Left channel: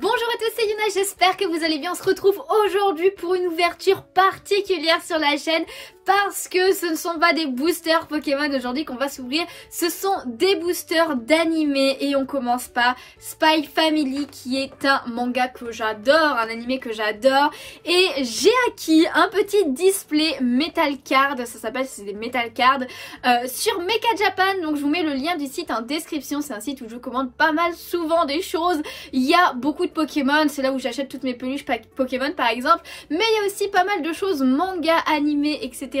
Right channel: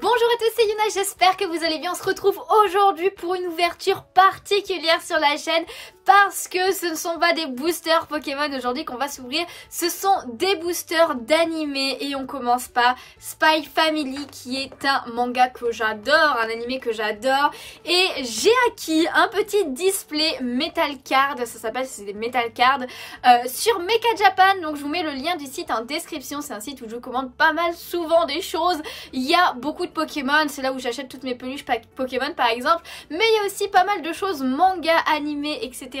Bonjour à tous, c'est Yuna, j'espère que vous allez bien. On se retrouve aujourd'hui pour une ouverture particulière sur la chaîne parce que ce ne sont pas des boosters Pokémon aujourd'hui qu'on va s'ouvrir, ce sont des boosters d'animé et on commence par Spy Family qui est un manga que j'adore, un animé que j'adore et j'ai acquis un petit display Metal Card, ça s'appelle, c'est des Metal Card sur Mecha Japan, donc je vous mets le lien du site en description, c'est un site où je commande pas mal souvent des choses, il y a beaucoup de Pokémon, c'est là où j'achète toutes mes peluches Pokémon par exemple, mais il y a aussi pas mal de choses manga, animé, etc.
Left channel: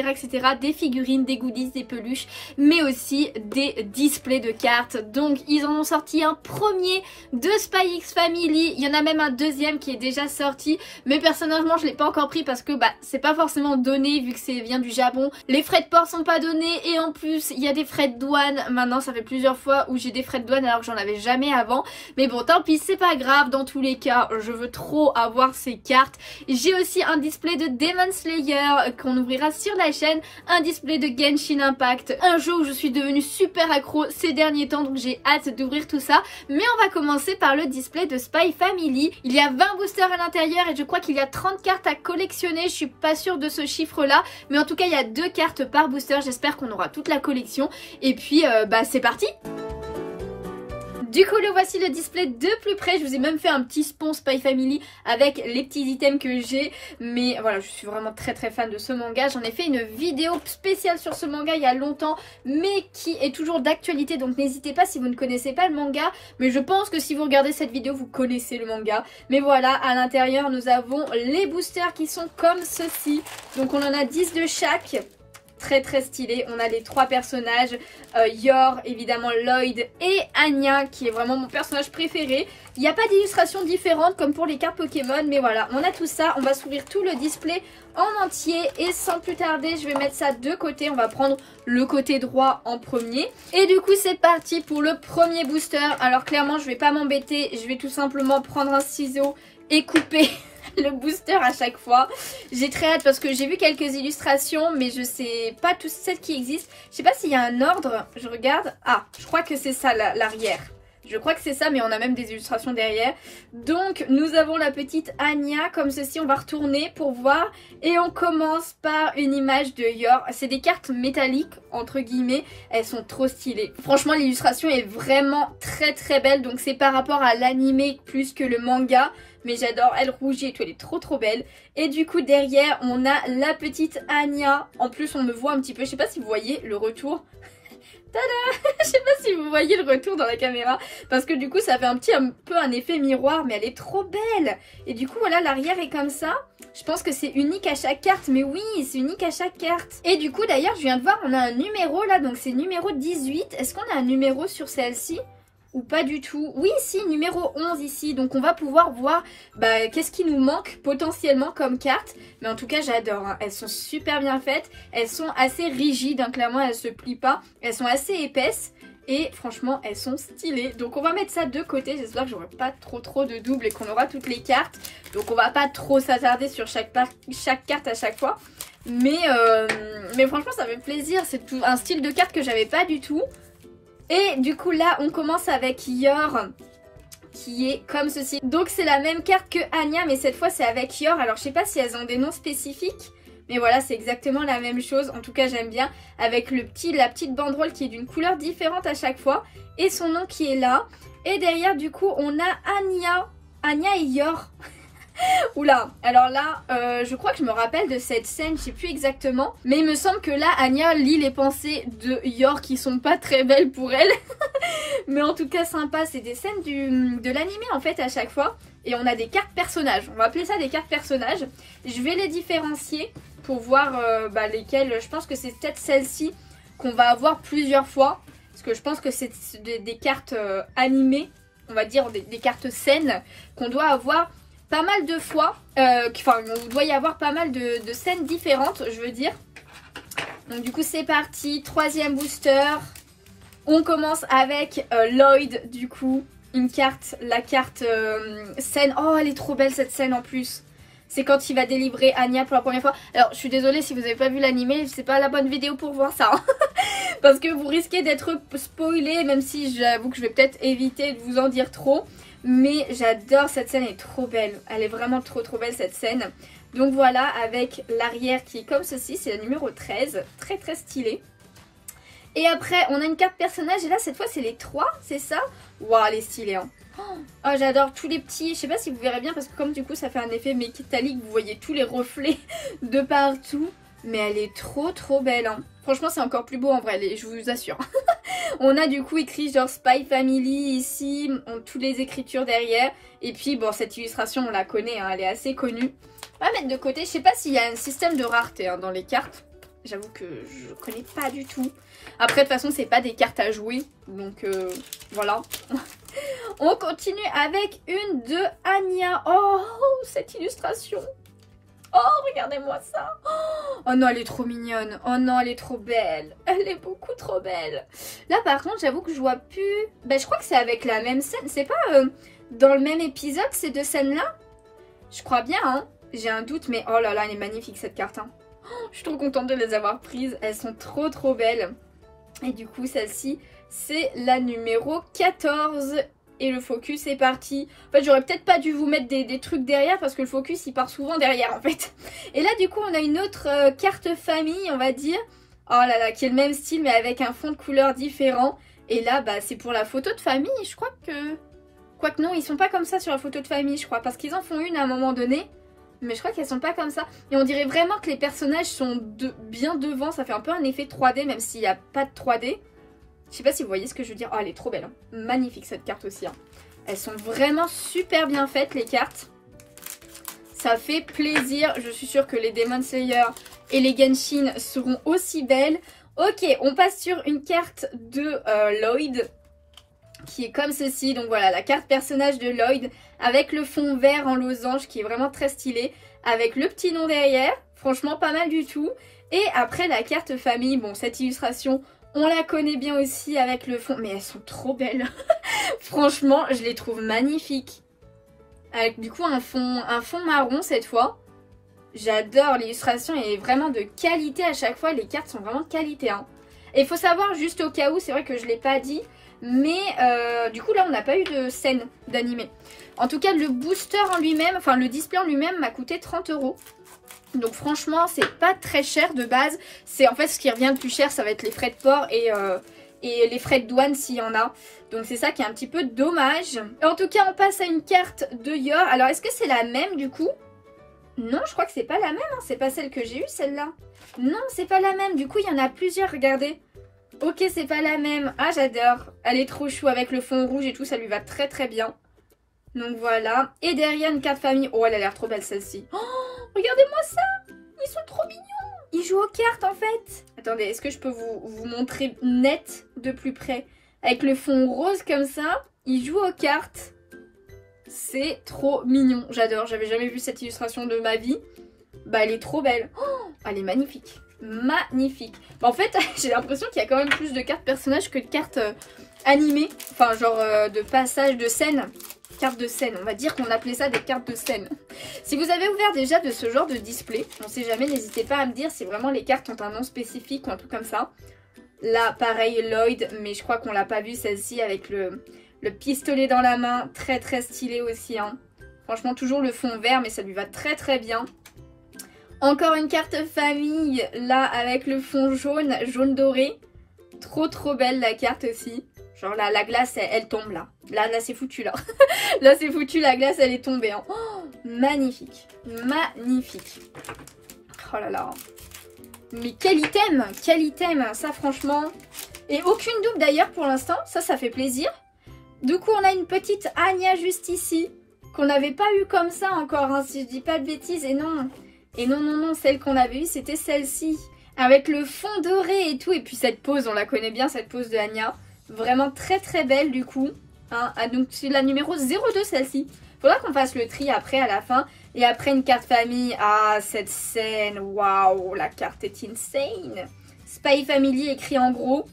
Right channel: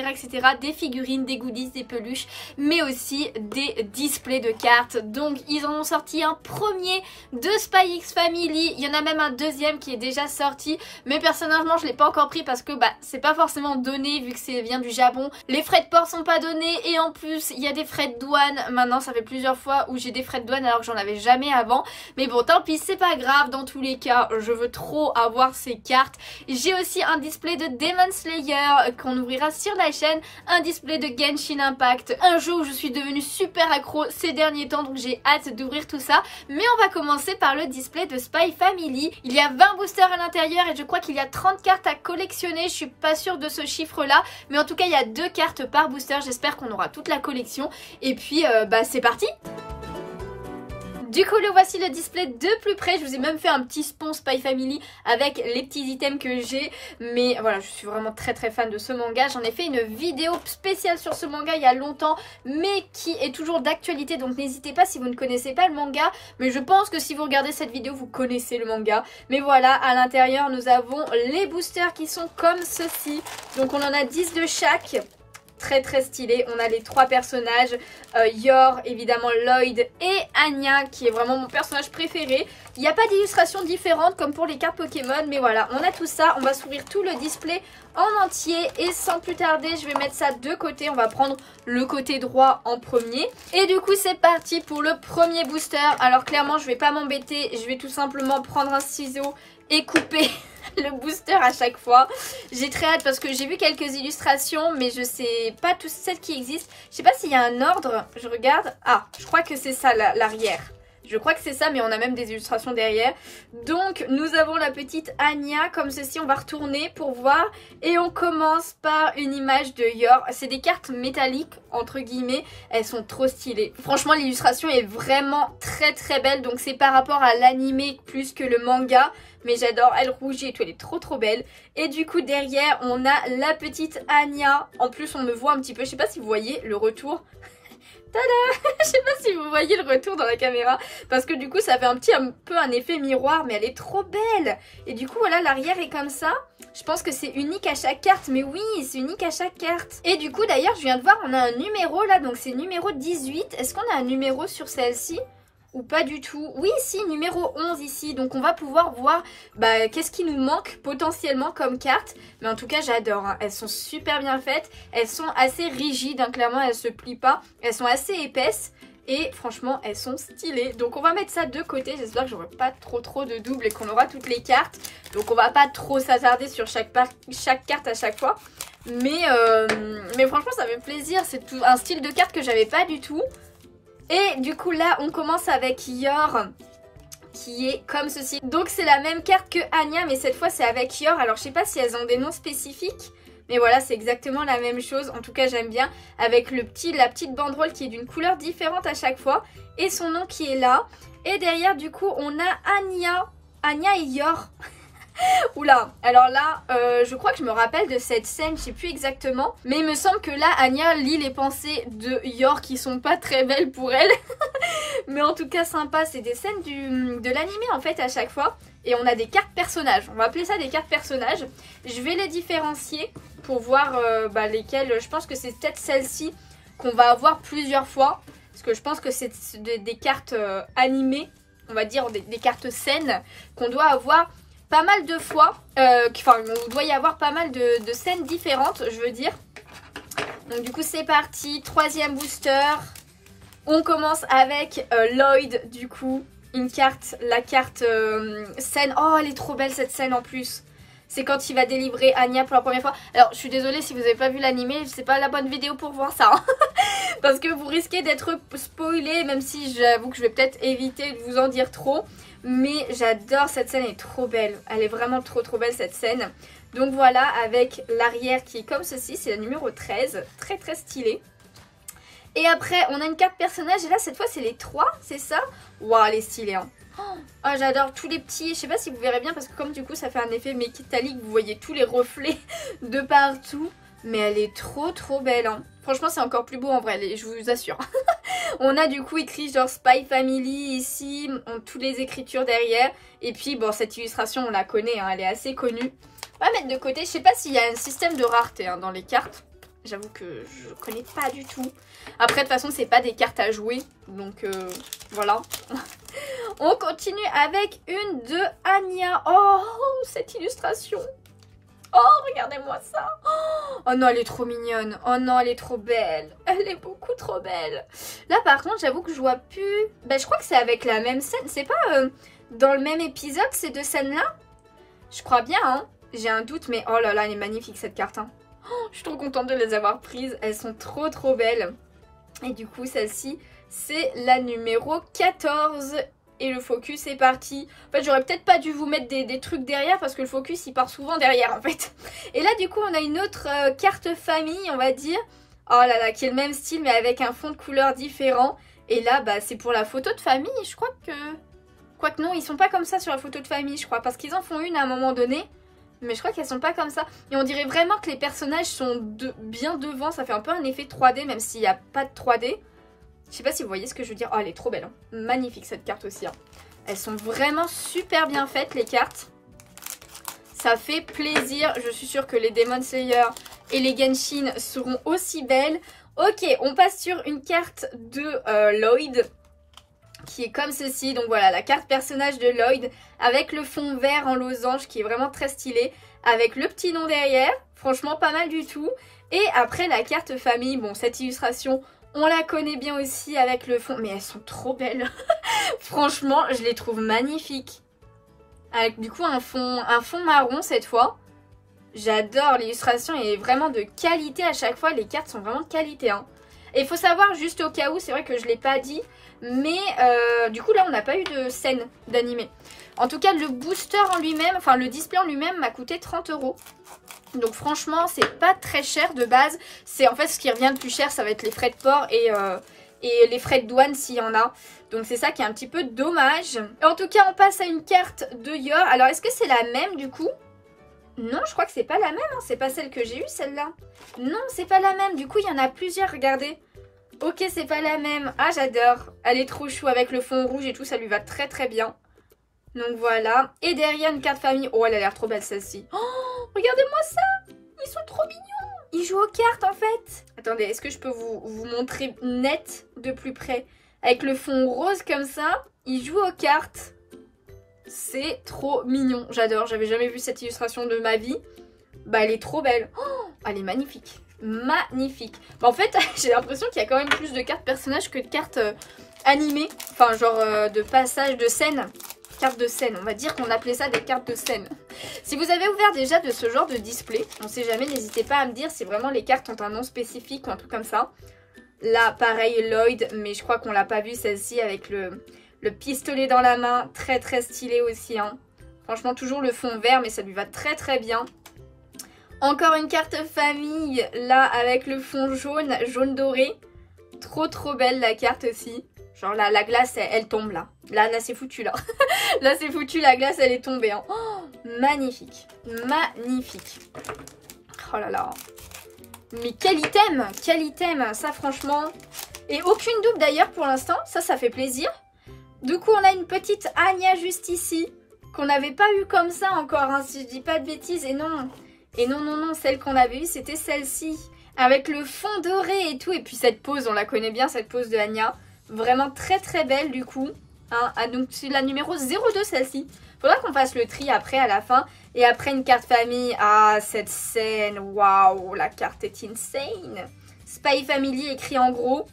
des figurines, des goodies, des peluches, mais aussi des displays de cartes. Donc ils en ont sorti un premier de Spy X Family, il y en a même un deuxième qui est déjà sorti, mais personnellement je l'ai pas encore pris parce que c'est pas forcément donné vu que ça vient du Japon, les frais de port sont pas donnés et en plus il y a des frais de douane. Maintenant ça fait plusieurs fois où j'ai des frais de douane alors que j'en avais jamais avant, mais bon tant pis, c'est pas grave, dans tous les cas je veux trop avoir ces cartes. J'ai aussi un display de Demon Slayer qu'on ouvrira sur la chaîne, un display de Genshin Impact, un jeu où je suis devenue super accro ces derniers temps, donc j'ai hâte d'ouvrir tout ça. Mais on va commencer par le display de Spy Family. Il y a 20 boosters à l'intérieur et je crois qu'il y a 30 cartes à collectionner, je suis pas sûre de ce chiffre là, mais en tout cas il y a 2 cartes par booster, j'espère qu'on aura toute la collection et puis c'est parti. Du coup le voici le display de plus près, je vous ai même fait un petit spon Spy Family avec les petits items que j'ai, mais voilà je suis vraiment très fan de ce manga, j'en ai fait une vidéo spéciale sur ce manga il y a longtemps mais qui est toujours d'actualité, donc n'hésitez pas si vous ne connaissez pas le manga, mais je pense que si vous regardez cette vidéo vous connaissez le manga. Mais voilà, à l'intérieur nous avons les boosters qui sont comme ceci, donc on en a 10 de chaque. Très stylé, on a les 3 personnages, Yor, évidemment Lloyd et Anya qui est vraiment mon personnage préféré. Il n'y a pas d'illustration différente comme pour les cartes Pokémon, mais voilà, on a tout ça, on va s'ouvrir tout le display en entier et sans plus tarder je vais mettre ça de côté, on va prendre le côté droit en premier. Et du coup c'est parti pour le premier booster. Alors clairement je vais pas m'embêter, je vais tout simplement prendre un ciseau et couper le booster à chaque fois. J'ai très hâte parce que j'ai vu quelques illustrations mais je sais pas toutes celles qui existent. Je sais pas s'il y a un ordre, je regarde. Ah, je crois que c'est ça l'arrière. Je crois que c'est ça, mais on a même des illustrations derrière. Donc nous avons la petite Anya comme ceci, on va retourner pour voir. Et on commence par une image de Yor. C'est des cartes métalliques entre guillemets, elles sont trop stylées. Franchement l'illustration est vraiment très belle, donc c'est par rapport à l'animé plus que le manga. Mais j'adore, elle rougit et tout, elle est trop belle. Et du coup derrière on a la petite Anya. En plus on me voit un petit peu, je sais pas si vous voyez le retour. Tada. Je sais pas si vous voyez le retour dans la caméra, parce que du coup ça fait un peu un effet miroir, mais elle est trop belle. Et du coup voilà, l'arrière est comme ça. Je pense que c'est unique à chaque carte, mais oui c'est unique à chaque carte. Et du coup d'ailleurs je viens de voir, on a un numéro là, donc c'est numéro 18. Est-ce qu'on a un numéro sur celle-ci ou pas du tout? Oui, si, numéro 11 ici. Donc on va pouvoir voir qu'est-ce qui nous manque potentiellement comme carte. Mais en tout cas j'adore, hein. Elles sont super bien faites. Elles sont assez rigides, hein. Clairement elles se plient pas. Elles sont assez épaisses. Et franchement elles sont stylées. Donc on va mettre ça de côté. J'espère que j'aurai pas trop de doubles et qu'on aura toutes les cartes. Donc on va pas trop s'attarder sur chaque carte à chaque fois. Mais franchement ça fait plaisir. C'est un style de carte que j'avais pas du tout. Et du coup là on commence avec Yor qui est comme ceci. Donc c'est la même carte que Anya mais cette fois c'est avec Yor. Alors je sais pas si elles ont des noms spécifiques, mais voilà c'est exactement la même chose. En tout cas j'aime bien avec la petite banderole qui est d'une couleur différente à chaque fois. Et son nom qui est là. Et derrière du coup on a Anya et Yor. Oula, alors là, je crois que je me rappelle de cette scène, je sais plus exactement. Mais il me semble que là, Anya lit les pensées de Yor qui sont pas très belles pour elle. Mais en tout cas sympa, c'est des scènes de l'animé en fait à chaque fois. Et on a des cartes personnages, on va appeler ça des cartes personnages. Je vais les différencier pour voir lesquelles, je pense que c'est peut-être celle-ci qu'on va avoir plusieurs fois. Parce que je pense que c'est des cartes animées, on va dire des cartes scènes qu'on doit avoir pas mal de fois, il doit y avoir pas mal de scènes différentes, je veux dire. Donc du coup c'est parti, troisième booster. On commence avec Lloyd, du coup, la carte scène. Oh elle est trop belle cette scène en plus. C'est quand il va délivrer Anya pour la première fois. Alors je suis désolée si vous n'avez pas vu l'animé, c'est pas la bonne vidéo pour voir ça. Hein. Parce que vous risquez d'être spoilé, même si j'avoue que je vais peut-être éviter de vous en dire trop. Mais j'adore cette scène, elle est trop belle. Elle est vraiment trop belle cette scène. Donc voilà, avec l'arrière qui est comme ceci, c'est la numéro 13. Très stylée. Et après, on a une carte personnage. Et là, cette fois, c'est les 3, c'est ça? Waouh, elle est stylée, hein. Oh, j'adore tous les petits, je sais pas si vous verrez bien parce que comme du coup ça fait un effet métallique, vous voyez tous les reflets de partout. Mais elle est trop belle, hein. Franchement c'est encore plus beau en vrai, je vous assure. On a du coup écrit genre Spy Family ici, toutes les écritures derrière. Et puis bon, cette illustration on la connaît, hein, elle est assez connue. On va mettre de côté, je sais pas s'il y a un système de rareté hein, dans les cartes. J'avoue que je connais pas du tout. Après de toute façon c'est pas des cartes à jouer, donc voilà. On continue avec une de Anya. Oh, cette illustration. Oh, regardez-moi ça. Oh non, elle est trop mignonne. Oh non, elle est trop belle. Elle est beaucoup trop belle. Là, par contre, j'avoue que je vois plus... Ben, je crois que c'est avec la même scène. C'est pas dans le même épisode, ces deux scènes-là? Je crois bien, hein. J'ai un doute, mais oh là là, elle est magnifique, cette carte. Hein. Oh, je suis trop contente de les avoir prises. Elles sont trop belles. Et du coup, celle-ci, c'est la numéro 14. Et le focus est parti. En fait, j'aurais peut-être pas dû vous mettre des trucs derrière parce que le focus, il part souvent derrière, en fait. Et là, du coup, on a une autre carte famille, on va dire. Oh là là, qui est le même style, mais avec un fond de couleur différent. Et là, bah, c'est pour la photo de famille. Je crois que... Quoique non, ils sont pas comme ça sur la photo de famille, je crois. Parce qu'ils en font une à un moment donné. Mais je crois qu'elles sont pas comme ça. Et on dirait vraiment que les personnages sont bien devant. Ça fait un peu un effet 3D, même s'il n'y a pas de 3D. Je sais pas si vous voyez ce que je veux dire. Oh, elle est trop belle. Hein. Magnifique cette carte aussi. Hein. Elles sont vraiment super bien faites les cartes. Ça fait plaisir. Je suis sûre que les Demon Slayer et les Genshin seront aussi belles. Ok, on passe sur une carte de Lloyd. Qui est comme ceci. Donc voilà, la carte personnage de Lloyd. Avec le fond vert en losange qui est vraiment très stylé. Avec le petit nom derrière. Franchement pas mal du tout. Et après la carte famille. Bon, cette illustration... On la connaît bien aussi avec le fond. Mais elles sont trop belles. Franchement, je les trouve magnifiques. Avec du coup un fond marron cette fois. J'adore l'illustration. Elle est vraiment de qualité à chaque fois. Les cartes sont vraiment de qualité. Hein. Et il faut savoir, juste au cas où, c'est vrai que je ne l'ai pas dit. Mais du coup là, on n'a pas eu de scène d'animé. En tout cas, le booster en lui-même, enfin le display en lui-même m'a coûté 30 €. Donc franchement, c'est pas très cher de base. C'est en fait ce qui revient le plus cher, ça va être les frais de port et les frais de douane s'il y en a. Donc c'est ça qui est un petit peu dommage. Et en tout cas, on passe à une carte de Yor. Alors est-ce que c'est la même du coup? Non, je crois que c'est pas la même. Hein. C'est pas celle que j'ai eue celle-là. Non, c'est pas la même. Du coup, il y en a plusieurs, regardez. Ok, c'est pas la même. Ah, j'adore. Elle est trop chou avec le fond rouge et tout. Ça lui va très bien. Donc voilà. Et derrière, une carte famille. Oh, elle a l'air trop belle celle-ci. Oh, regardez-moi ça. Ils sont trop mignons. Ils jouent aux cartes en fait. Attendez, est-ce que je peux vous montrer net de plus près? Avec le fond rose comme ça, ils jouent aux cartes. C'est trop mignon. J'adore. J'avais jamais vu cette illustration de ma vie. Bah, elle est trop belle. Oh, elle est magnifique. Magnifique. Bah, en fait, j'ai l'impression qu'il y a quand même plus de cartes personnages que de cartes animées. Enfin, genre de passage de scène. Cartes de scène, on va dire qu'on appelait ça des cartes de scène. Si vous avez ouvert déjà de ce genre de display, on sait jamais, n'hésitez pas à me dire si vraiment les cartes ont un nom spécifique ou un truc comme ça. Là, pareil, Lloyd, mais je crois qu'on l'a pas vu celle-ci avec le pistolet dans la main, très stylé aussi. Hein. Franchement, toujours le fond vert, mais ça lui va très bien. Encore une carte famille, là, avec le fond jaune doré. Trop belle la carte aussi. Genre là, la glace, elle tombe là. Là, c'est foutu là. Là, c'est foutu, la glace, elle est tombée. Hein. Oh, magnifique. Magnifique. Oh là là. Mais quel item, ça franchement. Et aucune double d'ailleurs pour l'instant, ça fait plaisir. Du coup, on a une petite Anya juste ici. Qu'on n'avait pas eu comme ça encore, hein, si je dis pas de bêtises. Et non, celle qu'on avait eue, c'était celle-ci. Avec le fond doré et tout. Et puis cette pose, on la connaît bien, cette pose de Anya. Vraiment très belle du coup. Hein. Ah, donc c'est la numéro 02 celle-ci. Faudra qu'on fasse le tri après à la fin. Et après une carte famille. Ah, cette scène. Waouh, la carte est insane. Spy Family écrit en gros.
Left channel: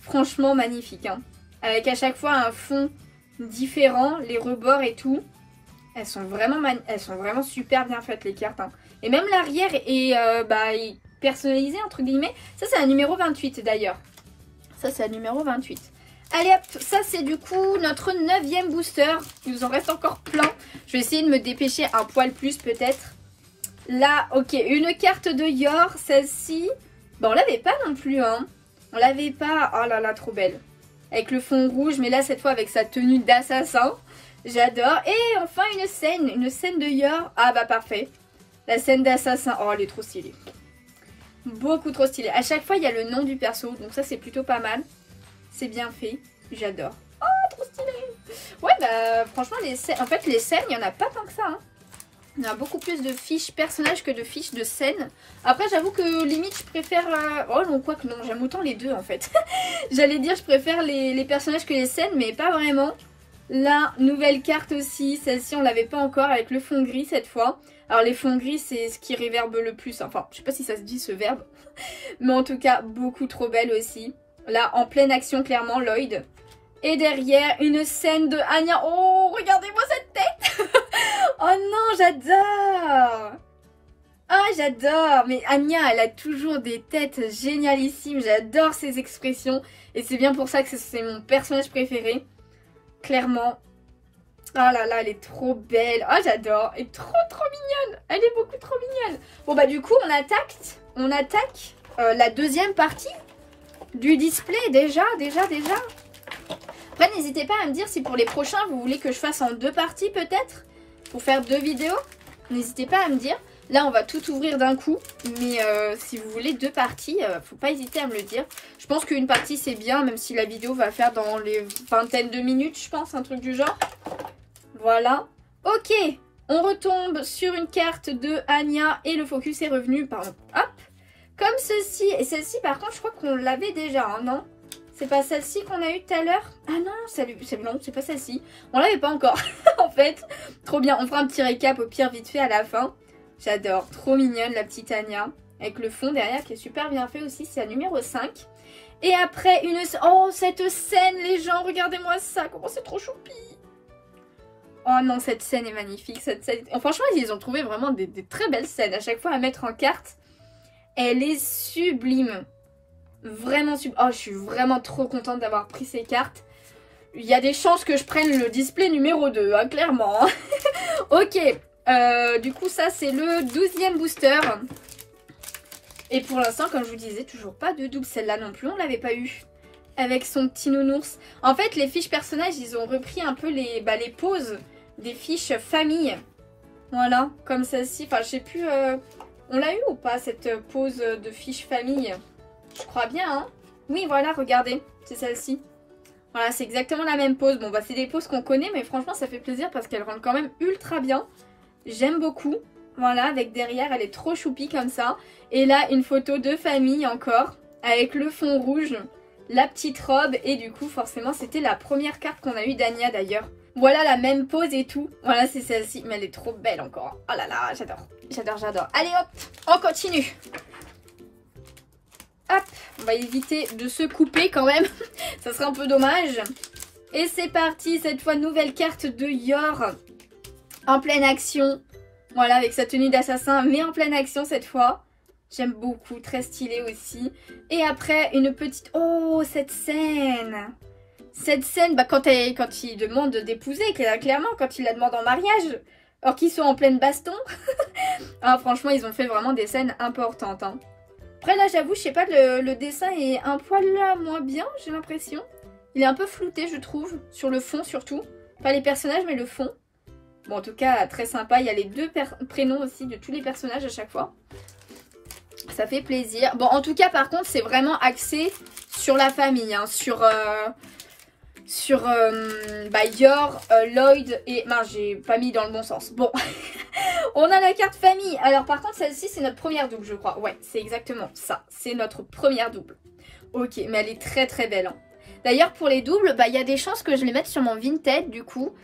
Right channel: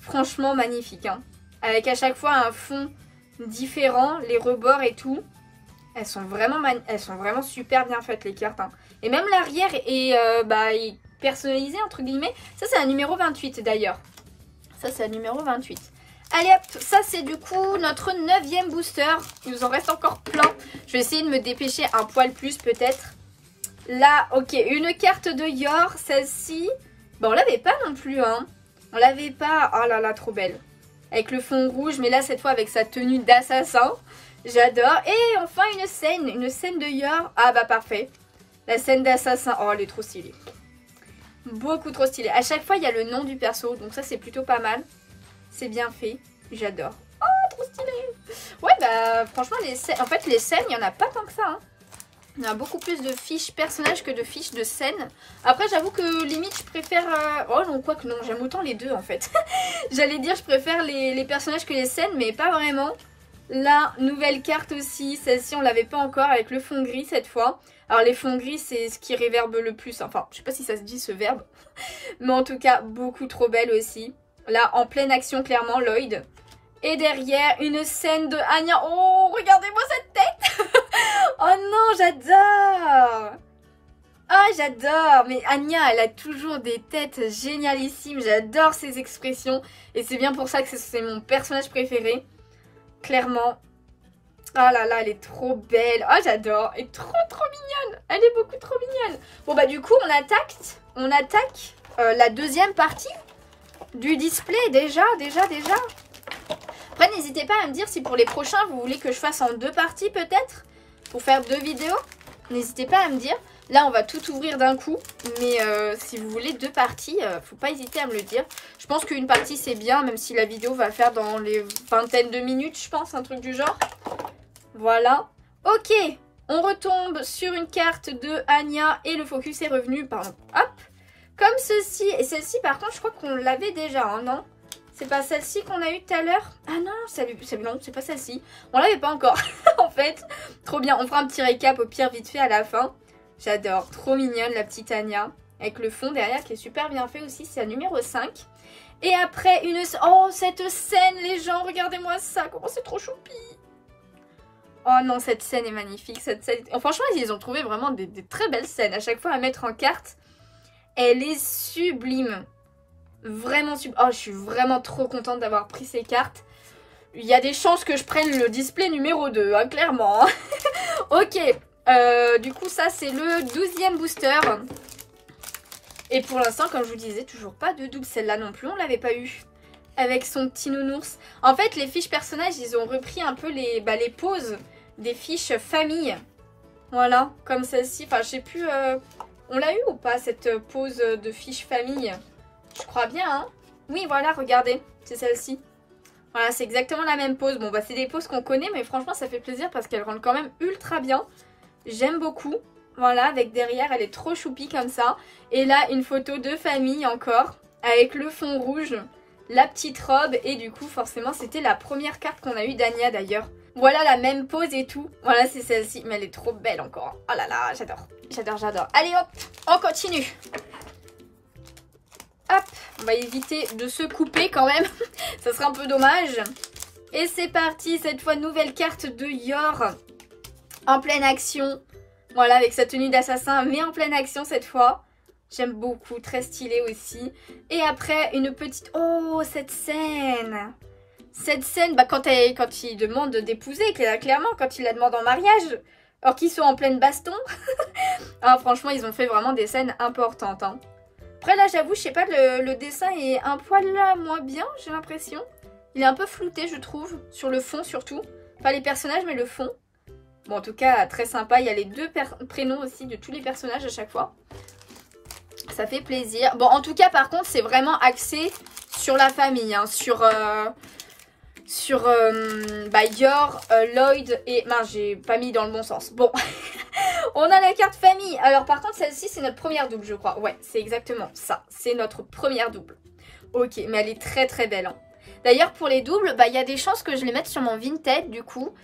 Franchement magnifique. Hein. Avec à chaque fois un fond différent. Les rebords et tout. Elles sont vraiment super bien faites les cartes. Hein. Et même l'arrière est personnalisé entre guillemets. Ça c'est la numéro 28 d'ailleurs. Ça c'est la numéro 28. Allez hop, ça c'est du coup notre 9e booster. Il nous en reste encore plein. Je vais essayer de me dépêcher un poil plus peut-être. Là, ok, une carte de Yor, celle-ci. Bon, on l'avait pas non plus, hein. On l'avait pas. Oh là là, trop belle. Avec le fond rouge, mais là cette fois avec sa tenue d'assassin. J'adore. Et enfin une scène de Yor. Ah bah parfait. La scène d'assassin. Oh, elle est trop stylée. Beaucoup trop stylée. À chaque fois, il y a le nom du perso, donc ça c'est plutôt pas mal. C'est bien fait. J'adore. Oh, trop stylé. Ouais, bah franchement, en fait, les scènes, il n'y en a pas tant que ça, hein. Il y a beaucoup plus de fiches personnages que de fiches de scènes. Après, j'avoue que limite, je préfère... Oh non, quoi que non, j'aime autant les deux en fait. J'allais dire, je préfère les personnages que les scènes, mais pas vraiment. La nouvelle carte aussi, celle-ci, on l'avait pas encore avec le fond gris cette fois. Alors les fonds gris, c'est ce qui réverbe le plus. Enfin, je sais pas si ça se dit ce verbe. Mais en tout cas, beaucoup trop belle aussi. Là, en pleine action, clairement, Lloyd. Et derrière, une scène de Anya. Oh, regardez-moi cette tête. Oh non, j'adore. Ah, j'adore. Mais Anya, elle a toujours des têtes génialissimes. J'adore ses expressions. Et c'est bien pour ça que c'est mon personnage préféré. Clairement. Ah là là, elle est trop belle. Oh, j'adore. Elle est trop mignonne. Elle est beaucoup trop mignonne. Bon, bah du coup, on attaque la deuxième partie du display. Déjà. Après, n'hésitez pas à me dire si pour les prochains, vous voulez que je fasse en 2 parties peut-être. Pour faire 2 vidéos. N'hésitez pas à me dire. Là, on va tout ouvrir d'un coup. Mais si vous voulez 2 parties, faut pas hésiter à me le dire. Je pense qu'une partie, c'est bien. Même si la vidéo va faire dans les vingtaines de minutes, je pense. Un truc du genre. Voilà. Ok. On retombe sur une carte de Anya. Et le focus est revenu. Pardon. Hop. Comme ceci. Et celle-ci, par contre, je crois qu'on l'avait déjà. Hein, non ? C'est pas celle-ci qu'on a eu tout à l'heure? Ah non, non, c'est pas celle-ci. On l'avait pas encore, en fait. Trop bien. On fera un petit récap au pire vite fait à la fin. J'adore. Trop mignonne la petite Anya. Avec le fond derrière qui est super bien fait aussi. C'est la numéro 5. Et après, oh, cette scène, les gens, regardez-moi ça. Comment c'est trop choupi. Oh non, cette scène est magnifique. Cette scène... Oh, franchement, ils ont trouvé vraiment des très belles scènes. À chaque fois à mettre en carte. Elle est sublime. Vraiment super. Oh, je suis vraiment trop contente d'avoir pris ces cartes. Il y a des chances que je prenne le display numéro 2, hein, clairement. Ok. Du coup, ça, c'est le 12e booster. Et pour l'instant, comme je vous disais, toujours pas de double. Celle-là non plus, on l'avait pas eu. Avec son petit nounours. En fait, les fiches personnages, ils ont repris un peu les poses des fiches famille. Voilà, comme celle-ci. Enfin, je sais plus... On l'a eu ou pas, cette pose de fiche famille? Je crois bien, hein. Oui, voilà, regardez. C'est celle-ci. Voilà, c'est exactement la même pose. Bon, bah, c'est des poses qu'on connaît, mais franchement, ça fait plaisir parce qu'elle rentre quand même ultra bien. J'aime beaucoup. Voilà, avec derrière, elle est trop choupie comme ça. Et là, une photo de famille encore, avec le fond rouge, la petite robe. Et du coup, forcément, c'était la première carte qu'on a eue d'Anya, d'ailleurs. Voilà, la même pose et tout. Voilà, c'est celle-ci. Mais elle est trop belle encore. Oh là là, j'adore. Allez, hop, on continue. Hop, on va éviter de se couper quand même. Ça serait un peu dommage. Et c'est parti, cette fois nouvelle carte de Yor. En pleine action. Voilà, avec sa tenue d'assassin, mais en pleine action cette fois. J'aime beaucoup, très stylé aussi. Et après, une petite... Oh, cette scène. Cette scène, bah, quand il demande d'épouser, clairement, quand il la demande en mariage. Alors qu'ils sont en pleine baston. Ah, franchement, ils ont fait vraiment des scènes importantes, hein. Après là j'avoue, je sais pas, le dessin est un poil là moins bien, j'ai l'impression. Il est un peu flouté je trouve, sur le fond surtout. Pas les personnages mais le fond. Bon en tout cas très sympa, il y a les 2 prénoms aussi de tous les personnages à chaque fois. Ça fait plaisir. Bon en tout cas par contre c'est vraiment axé sur la famille, hein, sur Yor, Lloyd et... Mince, j'ai pas mis dans le bon sens. Bon, on a la carte famille. Alors par contre, celle-ci, c'est notre première double, je crois. Ouais, c'est exactement ça. C'est notre première double. Ok, mais elle est très belle. Hein. D'ailleurs, pour les doubles, bah, y a des chances que je les mette sur mon Vinted, du coup.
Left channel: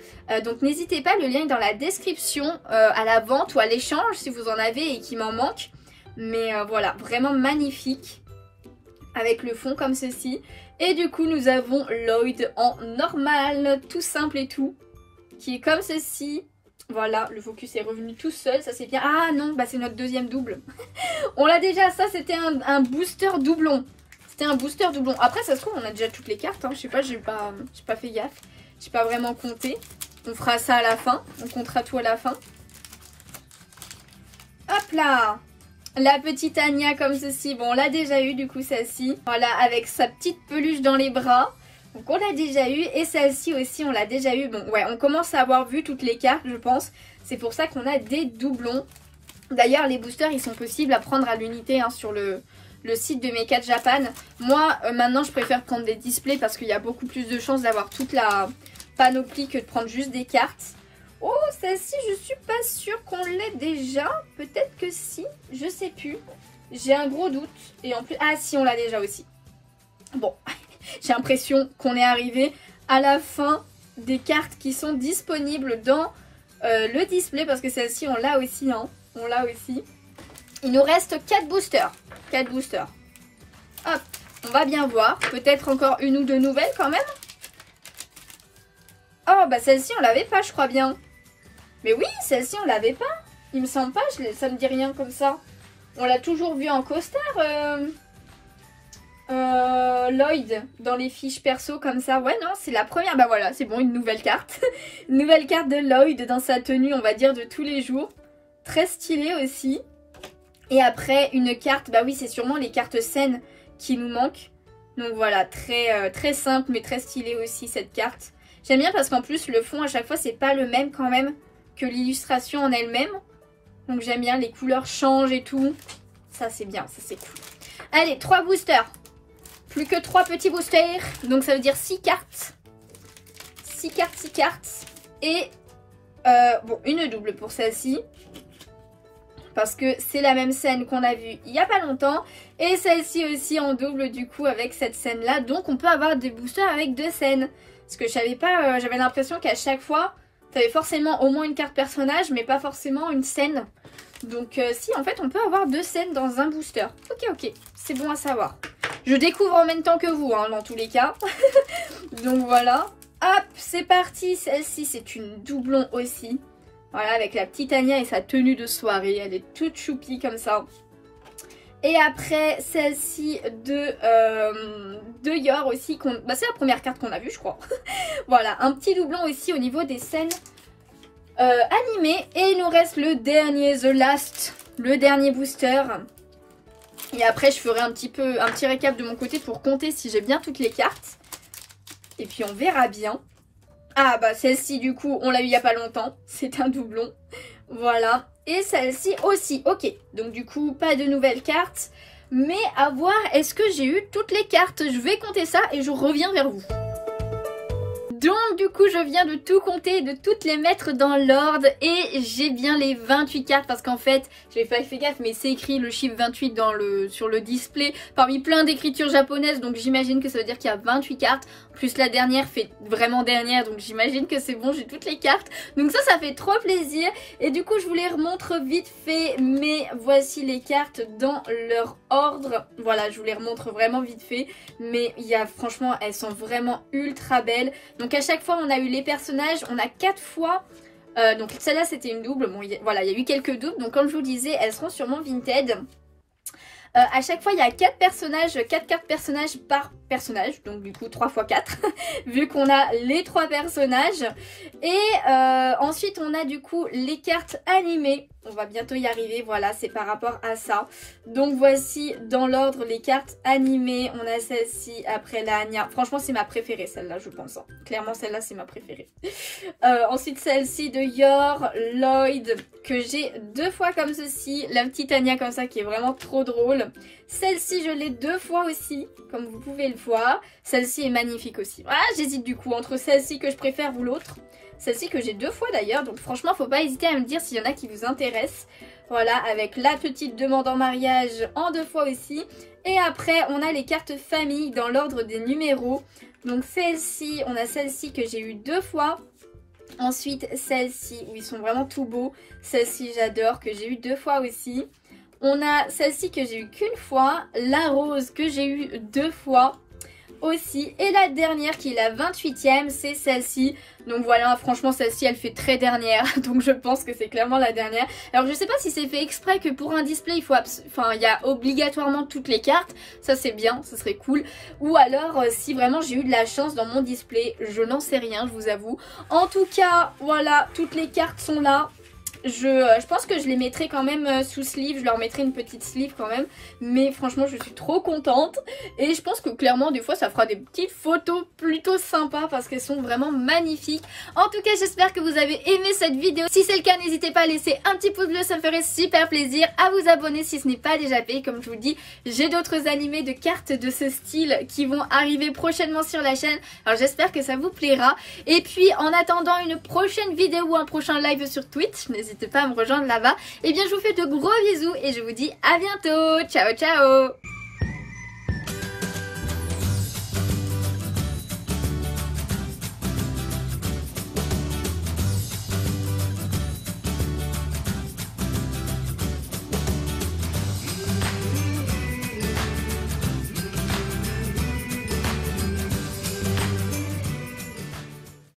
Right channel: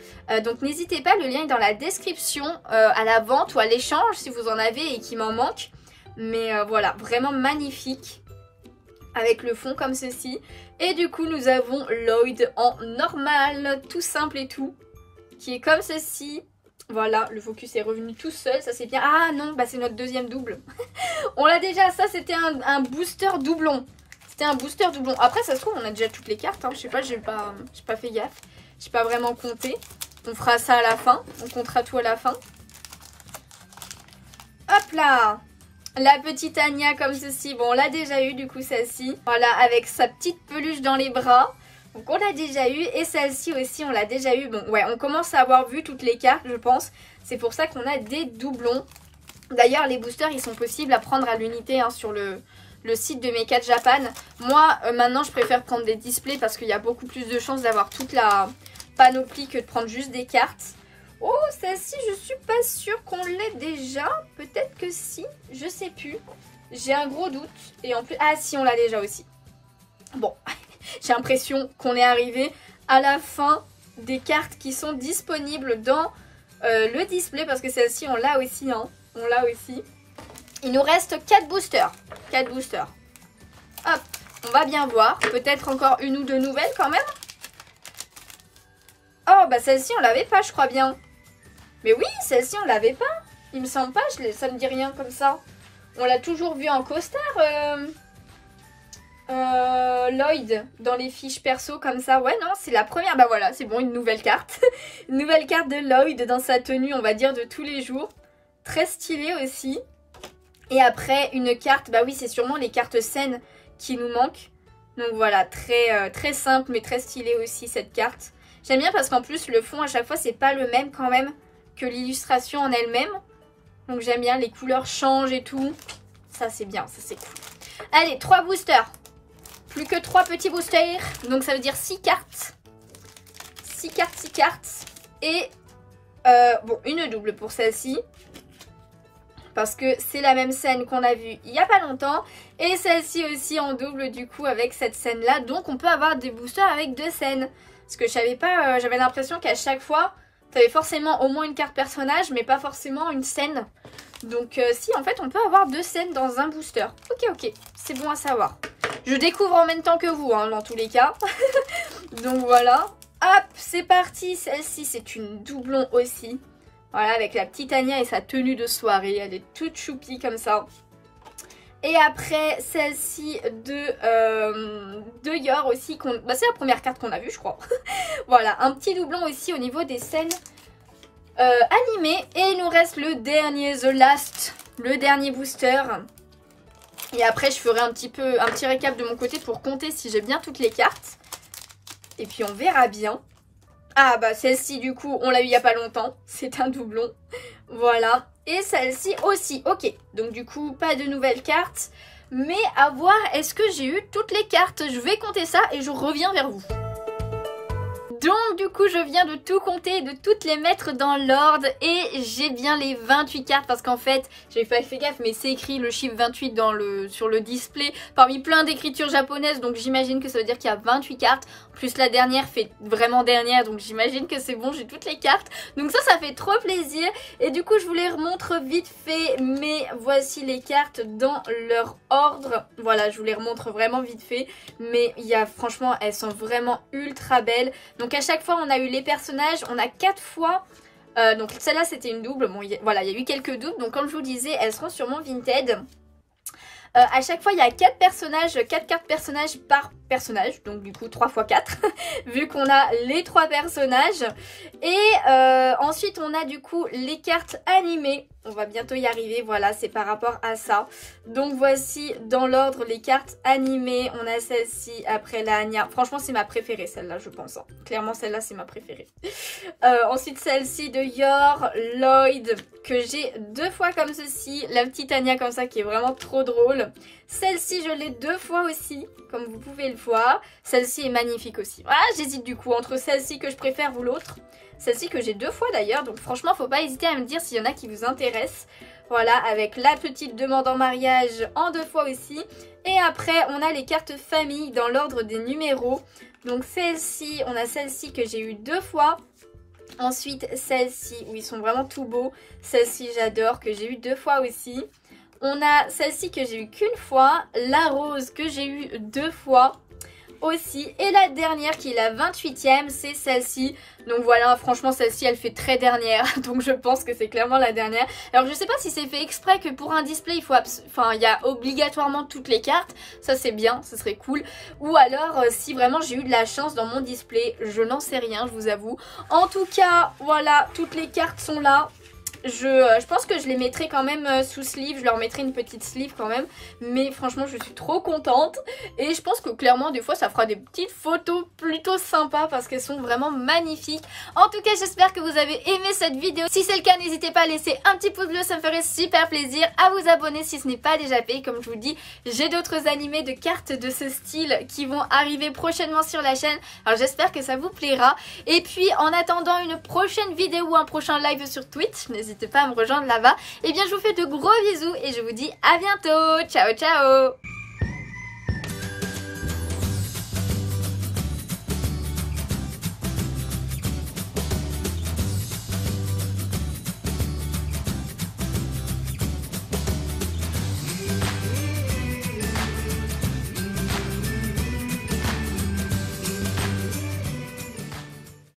Donc n'hésitez pas, le lien est dans la description, à la vente ou à l'échange, si vous en avez et qu'il m'en manque. Mais voilà, vraiment magnifique. Avec le fond comme ceci. Et du coup, nous avons Lloyd en normal, tout simple et tout, qui est comme ceci. Voilà, le focus est revenu tout seul, ça c'est bien. Ah non, bah c'est notre deuxième double. On l'a déjà, ça c'était un booster doublon. C'était un booster doublon. Après, ça se trouve, on a déjà toutes les cartes. Hein. Je sais pas, j'ai pas fait gaffe. J'ai pas vraiment compté. On fera ça à la fin. On comptera tout à la fin. Hop là! La petite Anya comme ceci. Bon, on l'a déjà eu du coup, celle-ci. Voilà, avec sa petite peluche dans les bras. Donc, on l'a déjà eu. Et celle-ci aussi, on l'a déjà eu. Bon, ouais, on commence à avoir vu toutes les cartes, je pense. C'est pour ça qu'on a des doublons. D'ailleurs, les boosters, ils sont possibles à prendre à l'unité hein, sur le site de Mecha Japan. Moi, maintenant, je préfère prendre des displays parce qu'il y a beaucoup plus de chances d'avoir toute la panoplie que de prendre juste des cartes. Oh, celle-ci, je suis pas sûre qu'on l'ait déjà. Peut-être que si, je sais plus. J'ai un gros doute. Et en plus, ah si, on l'a déjà aussi. Bon, j'ai l'impression qu'on est arrivé à la fin des cartes qui sont disponibles dans le display. Parce que celle-ci, on l'a aussi, hein. On l'a aussi. Il nous reste 4 boosters. 4 boosters. Hop, on va bien voir. Peut-être encore une ou deux nouvelles quand même. Oh, bah celle-ci, on l'avait pas, je crois bien. Mais oui, celle-ci, on l'avait pas. Il me semble pas, ça me dit rien comme ça. On l'a toujours vu en costard, Lloyd, dans les fiches perso comme ça. Ouais, non, c'est la première. Bah voilà, c'est bon, une nouvelle carte. Une nouvelle carte de Lloyd dans sa tenue, on va dire, de tous les jours. Très stylée aussi. Et après, une carte, bah oui, c'est sûrement les cartes scènes qui nous manquent. Donc voilà, très simple, mais très stylée aussi, cette carte. J'aime bien parce qu'en plus, le fond, à chaque fois, c'est pas le même quand même que l'illustration en elle-même. Donc j'aime bien, les couleurs changent et tout. Ça, c'est bien, ça, c'est cool. Allez, 3 boosters. Plus que 3 petits boosters. Donc ça veut dire 6 cartes. 6 cartes, 6 cartes. Et, bon, une double pour celle-ci. Parce que c'est la même scène qu'on a vue il n'y a pas longtemps. Et celle-ci aussi en double du coup avec cette scène-là. Donc on peut avoir des boosters avec 2 scènes. Parce que je savais pas, j'avais l'impression qu'à chaque fois, tu avais forcément au moins une carte personnage, mais pas forcément une scène. Donc si, en fait, on peut avoir 2 scènes dans un booster. Ok, c'est bon à savoir. Je découvre en même temps que vous, hein, dans tous les cas. Donc voilà. Hop, c'est parti. Celle-ci, c'est une doublon aussi. Voilà, avec la petite Anya et sa tenue de soirée. Elle est toute choupie comme ça. Et après, celle-ci de Yor aussi. Bah, c'est la première carte qu'on a vue, je crois. Voilà, un petit doublon aussi au niveau des scènes animées. Et il nous reste le dernier, The Last, le dernier booster. Et après, je ferai un petit récap de mon côté pour compter si j'ai bien toutes les cartes. Et puis, on verra bien. Ah, bah, celle-ci, du coup, on l'a eu il n'y a pas longtemps. C'est un doublon. Voilà. Et celle-ci aussi. Ok. Donc, du coup, pas de nouvelles cartes. Mais à voir, est-ce que j'ai eu toutes les cartes? Je vais compter ça et je reviens vers vous. Donc du coup je viens de tout compter, de toutes les mettre dans l'ordre et j'ai bien les 28 cartes parce qu'en fait, j'ai pas fait gaffe mais c'est écrit le chiffre 28 sur le display parmi plein d'écritures japonaises, donc j'imagine que ça veut dire qu'il y a 28 cartes. En plus la dernière fait vraiment dernière, donc j'imagine que c'est bon, j'ai toutes les cartes. Donc ça fait trop plaisir et du coup je vous les remontre vite fait, mais voici les cartes dans leur ordre. Voilà, je vous les remontre vraiment vite fait, mais franchement elles sont vraiment ultra belles. Donc à chaque fois on a eu les personnages, on a 4 fois, donc celle-là c'était une double, bon voilà il y a eu quelques doubles, donc comme je vous disais elles seront sûrement Vinted. À chaque fois il y a 4 cartes personnages par personnage, donc du coup 3 x 4 vu qu'on a les 3 personnages. Et ensuite on a du coup les cartes animées, on va bientôt y arriver, voilà c'est par rapport à ça. Donc voici dans l'ordre les cartes animées, on a celle-ci, après la Anya, franchement c'est ma préférée celle-là je pense, hein. Clairement celle-là c'est ma préférée. Ensuite celle-ci de Yor, Lloyd, que j'ai 2 fois comme ceci, la petite Anya comme ça qui est vraiment trop drôle. Celle-ci je l'ai 2 fois aussi, comme vous pouvez le voir. Celle-ci est magnifique aussi. Voilà, j'hésite du coup entre celle-ci que je préfère ou l'autre. Celle-ci que j'ai 2 fois d'ailleurs, donc franchement faut pas hésiter à me dire s'il y en a qui vous intéressent. Voilà, avec la petite demande en mariage en 2 fois aussi. Et après on a les cartes famille dans l'ordre des numéros. Donc celle-ci, on a celle-ci que j'ai eu 2 fois. Ensuite celle-ci où ils sont vraiment tout beaux. Celle-ci j'adore, que j'ai eu 2 fois aussi. On a celle-ci que j'ai eu qu'une fois, la rose que j'ai eu 2 fois. aussi. Et la dernière qui est la 28e, c'est celle-ci. Donc voilà, franchement celle-ci elle fait très dernière, donc je pense que c'est clairement la dernière. Alors je sais pas si c'est fait exprès que pour un display il faut il y a obligatoirement toutes les cartes, ça c'est bien, ça serait cool. Ou alors si vraiment j'ai eu de la chance dans mon display, je n'en sais rien, je vous avoue. En tout cas, voilà, toutes les cartes sont là. Je pense que je les mettrai quand même sous sleeve, je leur mettrai une petite sleeve quand même, mais franchement je suis trop contente et je pense que clairement des fois ça fera des petites photos plutôt sympas parce qu'elles sont vraiment magnifiques. En tout cas j'espère que vous avez aimé cette vidéo, si c'est le cas n'hésitez pas à laisser un petit pouce bleu, ça me ferait super plaisir, à vous abonner si ce n'est pas déjà fait. Comme je vous dis, j'ai d'autres animés de cartes de ce style qui vont arriver prochainement sur la chaîne, alors j'espère que ça vous plaira. Et puis en attendant une prochaine vidéo ou un prochain live sur Twitch, n'hésitez pas à me rejoindre là-bas. Et bien je vous fais de gros bisous et je vous dis à bientôt. Ciao ciao.